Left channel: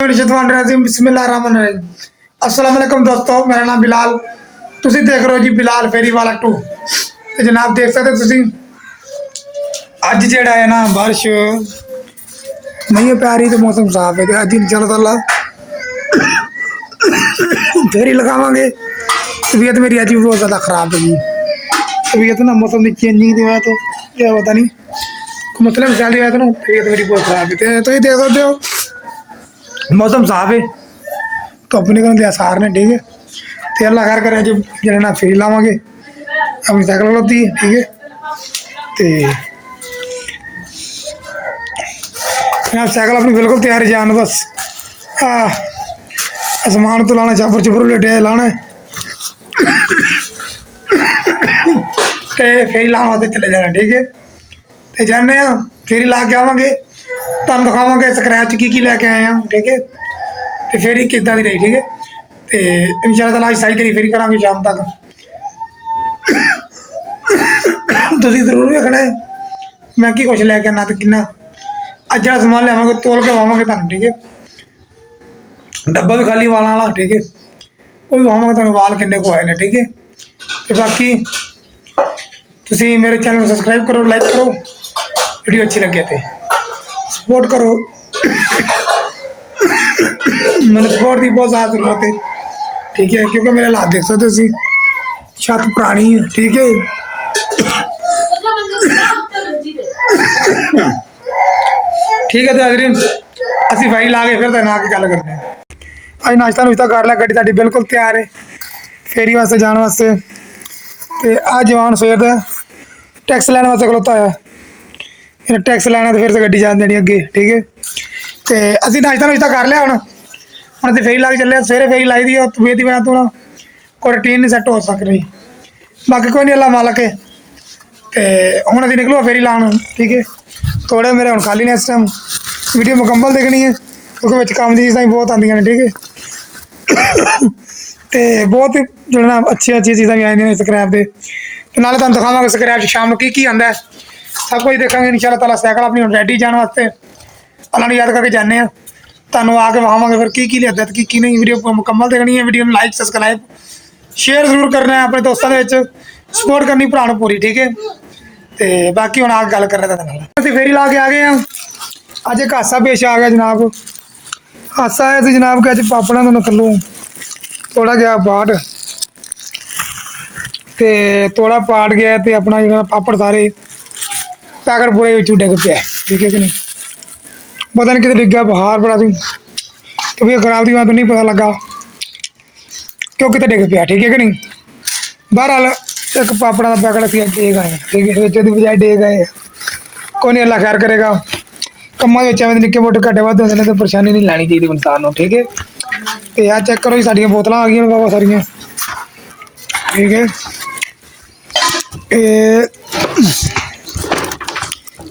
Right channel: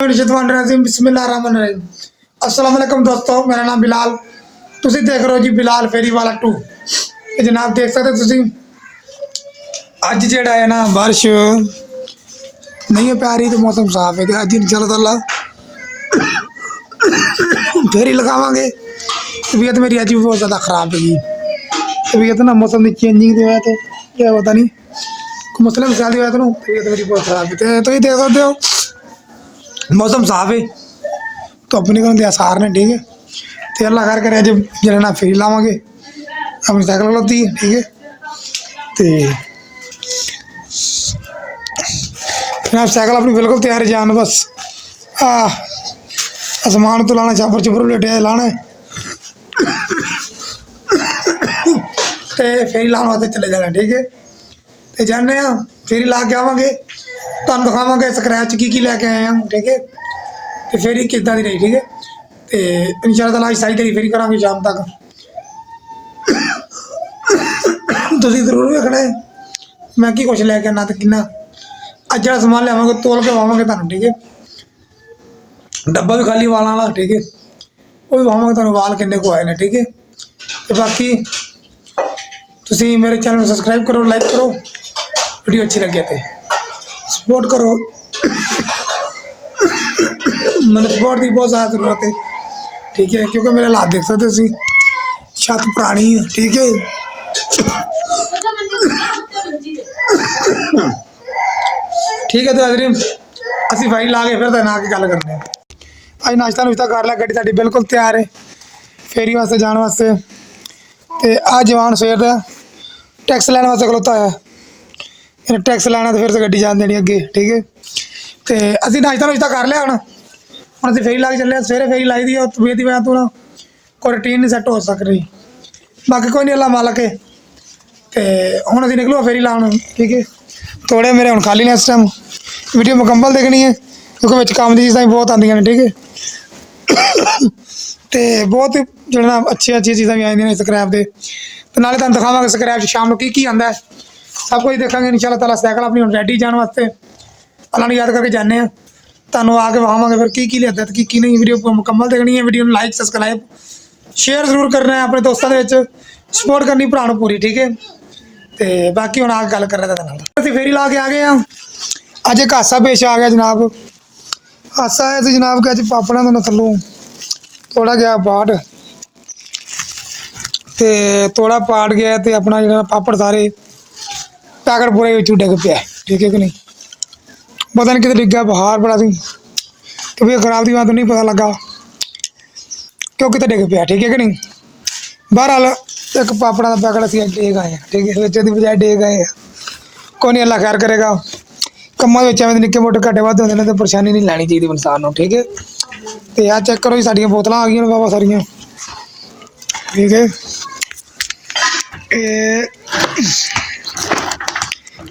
बिस्मिल्लाहिर्रहमानिर्रहीम। अस्सलाम वालेकुम दोस्तों, मेरा नाम बिलाल। तुसी देख रहे हो जी बिलाल फेरी वाला 2। जनाब देख सकते तुसी अज जेड़ा है ना बारिश नहीं पै रही तो मौसम साफ है। अज इंशाअल्लाह फेरी लगावांगे। तबीयत मेरी अज भी बहुत ज़्यादा ख़राब है जी। तबीयत ना मौसम की चेंजिंग की वजह तो क्या पता नहीं मसले मसाले की वजह तो तबीयत मेरी बहुत ख़राब है। तो ये देख सकते हो मौसम साफ है तो अपने को आसार ने ठीक है। तो अल्लाह खैर करे अज जरा फेरी लावे अपनी साइकिल खलोती ठीक है। तो साइकिल अपनी बिल्कुल तैयार जान बस आसमान तो लाना चाबर चुबर लेटे लाना तो फेरी लाने वास्ते चले जाना ठीक है। तो जाने फेरी ला के आवेंगे तुम दिखावे स्क्रैच की लैके आए हैं ठीक है। तो फेरी किदा दी रही ठीक है। तो इंशाअल्लाह अज सारी तेरी फेरी करा शाम तक तुम जरूर वेखना है मैं की कुछ लैके आना तो कि अज जो समान लियावे तोल के वावे तुम ठीक है। डब्बा भी खाली वालों वाला ठीक है। वो भी वावे तुम वाल किन्ने को आए हैं ठीक है। तो बाकी तुम मेरे चैनल को सबसक्राइब करो, लाइक करो, वीडियो अच्छी लगे तो सपोर्ट करो। मतलब सपोर्ट की बहुत ज़्यादा जरूरत है ठीक है। क्योंकि मेरे हालात देख सकते हो छत पुरानी है ठीक है। ठीक है तो अगली असी फाइल ला के फिर ना के गल करते हैं। अज नाश्ता नुश्ता कर लिया, गड्डी साडी बिल्कुल तैयार है फेरी वास्ते जाने वास्ते। तो आ जवान सवेर टैक्स लैने वास्ते खलोता है। टैक्स लैना तो फिर से गड्डी जान देनी अगे ठीक है। तो असी नाश्ता नुश्ता कर लिया हम अभी फेरी ला के चले। सवेरे फेरी लाई दी तबीयत की वजह तो कोई रूटीन नहीं सैट हो सक रही। बाकी कोई नहीं अल्लाह मालक है। तो हूँ अभी निकलो फेरी लाने ठीक है। थोड़े मेरे हम खाली ने इस टाइम वीडियो मुकम्मल देखनी है क्योंकि काम की चीज़ा बहुत आदि ने ठीक है। तो बहुत जो ना अच्छी अच्छी चीज़ा भी आई स्क्रैप के तो नाले तुम दिखावे स्क्रैप शाम को की आता है सब कुछ देखा इंशाअल्लाह ताला। साइकिल अपनी रेडी जाने वास्ते उन्होंने याद करके जाने तुम आके वहावे फिर की लिया तो की नहीं। वीडियो को मुकम्मल देखनी है। वीडियो लाइक सबसक्राइब शेयर जरूर करना है अपने दोस्तों के सपोर्ट करनी भरा पूरी ठीक है। तो बाकी हम आगे गल कर रहे थे फेरी ला के आ गए हैं। अज एक हादसा पेश आ गया जनाब। हादसा आया तो जनाब कि अज पापड़ा तो थल्लों थोड़ा गया पाट तो थोड़ा पाट गया तो अपना जो पापड़ सारे पैकेट पूरे डिग पे ठीक है कि नहीं। पता नहीं कितने डिग गया बाहर बड़ा सी तबीयत खराब थी तो नहीं पता लगा क्यों कितने डिग पाया ठीक है कि नहीं। बहरहाल एक पापड़ा का पैकेट अभी डेग आए ठीक है। बेचने की बजाय डेग आए कोई नहीं अल्लाह खैर करेगा। कम्मा एवं निक्के मोटे घाटे वाधे होंगे तो परेशानी नहीं लैनी चाहिए इंसान को ठीक है। तो यार चेक करो जी साड़ियाँ बोतल आ गई बाबा सारिया ठीक है।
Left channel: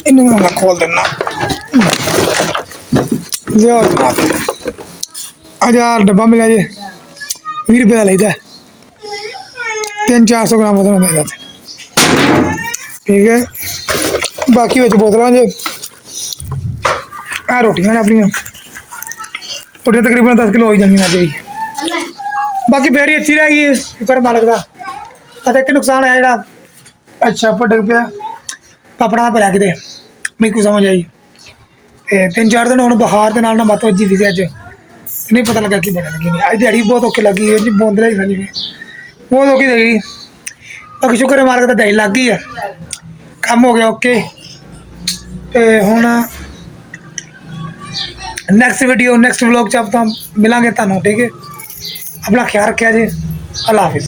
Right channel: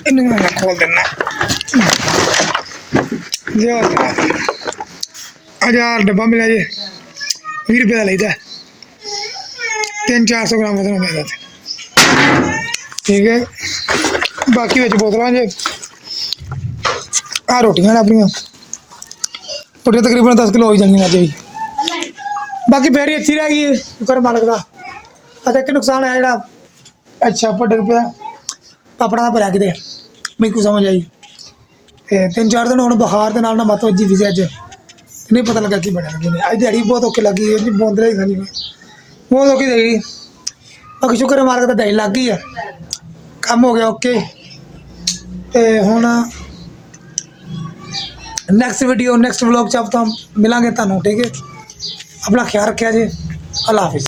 इन्हें मैं खोल देना लिया आज यार डब्बा मिला जी 20 रुपये का लेता 300-400 ग्राम वजन मिलता ठीक है। बाकी बच्चे बोतल जी आ रोटियां ने अपनिया रोटियां तकरीबन 10 किलो हो ही जानी अज भी। बाकी फेरी अच्छी रह गई शुक्र मालक का। अच्छा एक नुकसान है जो अच्छा पर डिग पाया पापड़ा का भरिया कितने मेरे को समझ आई। 3-4 दिन हम बुखार के नाल मत वजी थी अज नहीं पता लगा कि बने लगी नहीं। अज दिहाड़ी बहुत औखी लगी है जी बोंदले खानी बहुत औखी देगी। बाकी शुक्र मालक का दिहाड़ी लग गई है काम हो गया ओके। तो हुण नैक्सट वीडियो नैक्सट व्लॉग च आप मिलेंगे तुहानूं ठीक है। अपना ख्याल रखा जी अल्लाह हाफिज़।